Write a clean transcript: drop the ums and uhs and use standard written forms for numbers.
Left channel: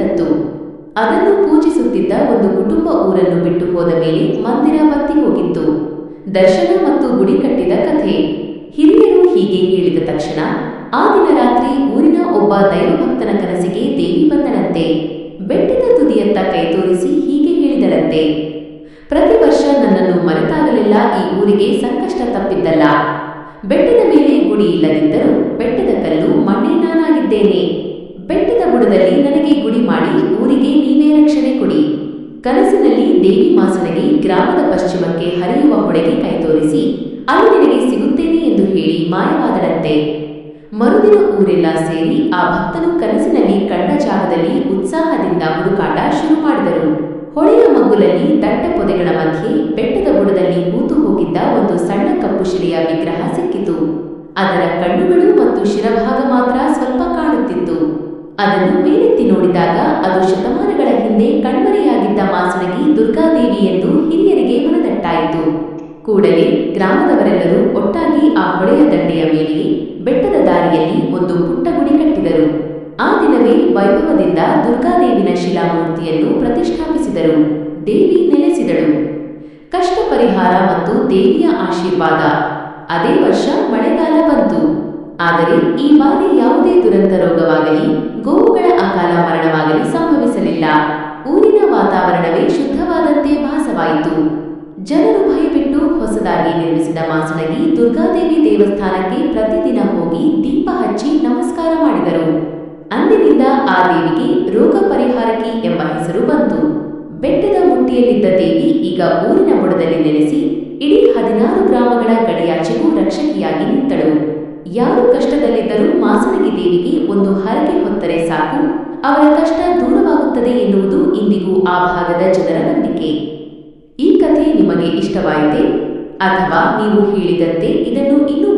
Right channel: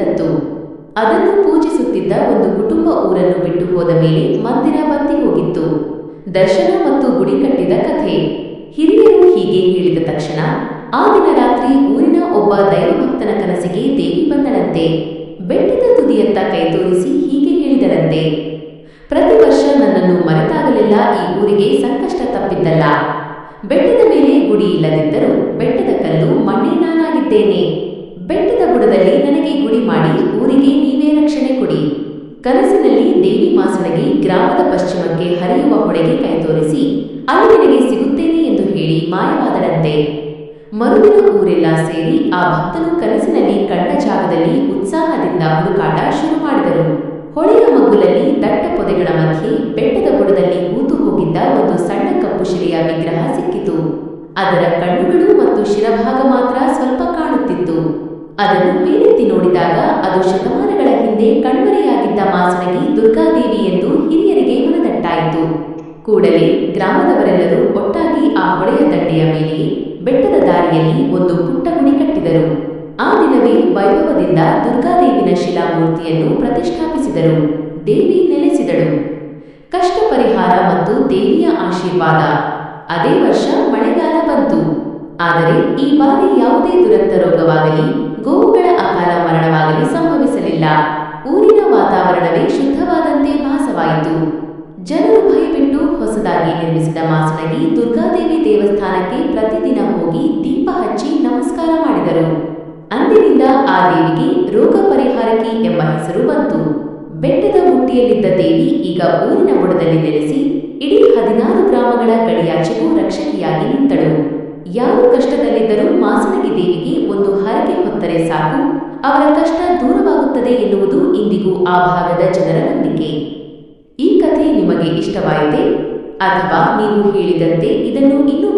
ತತ್ತು. ಅದನ್ನು ಪೂಜಿಸುತ್ತಿದ್ದ ಒಂದು ಕುಟುಂಬ ಊರನ್ನು ಬಿಟ್ಟು ಹೋದ ಮೇಲೆ ಮಂದಿರ ಬತ್ತಿ ಹೋಗಿತ್ತು. ದರ್ಶನ ಮತ್ತು ಗುಡಿ ಕಟ್ಟಿದ ಕಥೆ. ಹಿರಿಯರು ಹೀಗೆ ಹೇಳಿದ ತಕ್ಷಣ ಆ ದಿನ ರಾತ್ರಿ ಊರಿನ ಒಬ್ಬ ದೈವಭಕ್ತನ ಕನಸಿಗೆ ದೇವಿ ಬಂದಳಂತೆ. ಬೆಟ್ಟದ ತುದಿಯತ್ತ ಕೈ ತೋರಿಸಿ ಹೀಗೆ ಹೇಳಿದಳಂತೆ, ಪ್ರತಿ ವರ್ಷ ನನ್ನನ್ನು ಮರೆತಾಗಲೆಲ್ಲ ಈ ಊರಿಗೆ ಸಂಕಷ್ಟ ತಪ್ಪಿದ್ದಲ್ಲ. ಬೆಟ್ಟದ ಮೇಲೆ ಗುಡಿ ಇಲ್ಲದಿದ್ದರೂ ಬೆಟ್ಟದ ಕಲ್ಲು ಮಣ್ಣೇ ನಾನಾಗಿದ್ದೇನೆ. ಬೆಟ್ಟದ ಬುಡದಲ್ಲಿ ನನಗೆ ಗುಡಿ ಮಾಡಿ ಊರಿಗೆ ನೀವೇ ರಕ್ಷಣೆ ಕೊಡಿ. ಕನಸಿನಲ್ಲಿ ದೇವಿ ಮಾಸಣಗಿ ಗ್ರಾಮದ ಪಶ್ಚಿಮಕ್ಕೆ ಹರಿಯುವ ಹೊಳೆಗೆ ಕೈ ತೋರಿಸಿ ಅಲ್ಲಿ ನಿನಗೆ ಸಿಗುತ್ತೇನೆ ಎಂದು ಹೇಳಿ ಮಾಯವಾದಳಂತೆ. ಮರುದಿನ ಊರೆಲ್ಲ ಸೇರಿ ಆ ಭಕ್ತನು ಕನಸಿನಲ್ಲಿ ಕಂಡ ಜಾಗದಲ್ಲಿ ಉತ್ಸಾಹದಿಂದ ಹುಡುಕಾಟ ಶುರು ಮಾಡಿದರು. ಹೊಳೆಯ ಮಗ್ಗುಲಲ್ಲಿ ದಟ್ಟ ಪೊದೆಗಳ ಮಧ್ಯೆ ಬೆಟ್ಟದ ಬುಡದಲ್ಲಿ ಹೂತು ಹೋಗಿದ್ದ ಒಂದು ಸಣ್ಣ ಕಪ್ಪು ಶಿಲೆಯ ವಿಗ್ರಹ ಸಿಕ್ಕಿತು. ಅದರ ಕಣ್ಣುಗಳು ಮತ್ತು ಶಿರಭಾಗ ಮಾತ್ರ ಸ್ವಲ್ಪ ಕಾಣುತ್ತಿತ್ತು. ಅದನ್ನು ಮೇಲೆತ್ತಿ ನೋಡಿದಾಗ ಅದು ಶತಮಾನಗಳ ಹಿಂದೆ ಕಣ್ಮರೆಯಾಗಿದ್ದ ಮಾಸಣಗಿ ದುರ್ಗಾದೇವಿ ಎಂದು ಹಿರಿಯರಿಗೆ ಮನದಟ್ಟಾಯಿತು. ಕೂಡಲೇ ಗ್ರಾಮದವರೆಲ್ಲರೂ ಒಟ್ಟಾಗಿ ಆ ಹೊಳೆಯ ದಂಡೆಯ ಮೇಲೆಯೇ ಬೆಟ್ಟದ ದಾರಿಯಲ್ಲಿ ಒಂದು ಪುಟ್ಟ ಗುಡಿ ಕಟ್ಟಿದರು. ಆ ದಿನವೇ ವೈಭವದಿಂದ ದುರ್ಗಾದೇವಿನ ಶಿಲಾಮೂರ್ತಿಯನ್ನು ಪ್ರತಿಷ್ಠಾಪಿಸಿದರು. ದೇವಿ ನೆಲೆಸಿದಳು. ಕಷ್ಟ ಪರಿಹಾರ ಮತ್ತು ದೇವಿಯ ಆಶೀರ್ವಾದ. ಅದೇ ವರ್ಷ ಮಳೆಗಾಲ ಬಂತು. ಆದರೆ ಈ ಬಾರಿ ಯಾವುದೇ ದುರಂತ ರೋಗವಾಗಲಿ ಗೋವುಗಳ ಅಕಾಲ ಮರಣವಾಗಲಿ ಸಂಭವಿಸಲಿಲ್ಲ. ಊರಿನ ವಾತಾವರಣವೇ ಶುದ್ಧವಾದಂತೆ ಭಾಸವಾಯಿತು. ಜನರು ಭಯಬಿಟ್ಟು ಹೊಸದಾಗಿ ನಿರ್ಮಿಸಿದ ಮಾಸಣಗಿ ದುರ್ಗಾದೇವಿ ದೇವಸ್ಥಾನಕ್ಕೆ ಪ್ರತಿದಿನ ಹೋಗಿ ದೀಪ ಹಚ್ಚಿ ನಮಸ್ಕಾರ ಮಾಡಿದರು. ಅಂದಿನಿಂದ ಆ ದೇವಿಗೆ ರೋಗ ಪರಿಹಾರಕಿ ಎಂಬ ಹೆಸರು ಬಂತು. ಬೆಟ್ಟದ ಮುಟ್ಟಿಯಲ್ಲಿದ್ದ ದೇವಿ ಈಗ ಊರಿನ ಬುಡದಲ್ಲಿ ನೆಲೆಸಿ ಇಡೀ 16 ಗ್ರಾಮಗಳ ಗಡಿಯಾಚೆಗೂ ರಕ್ಷಕಿಯಾಗಿ ನಿಂತಳು. ಯಾರು ಕಷ್ಟದಲ್ಲಿದ್ದರೂ ಮಾಸಣಗಿ ದೇವಿಗೆ ಒಂದು ಹರಕೆ ಹೊತ್ತರೆ ಸಾಕು, ಅವರ ಕಷ್ಟ ದೂರವಾಗುತ್ತದೆ ಎನ್ನುವುದು ಇಂದಿಗೂ ಆ ಭಾಗದ ಜನರ ನಂಬಿಕೆ. ಈ ಕಥೆ ನಿಮಗೆ ಇಷ್ಟವಾಯಿತೆ? ಅಥವಾ ನೀವು ಹೇಳಿದಂತೆ ಇದನ್ನು ಇನ್ನೂ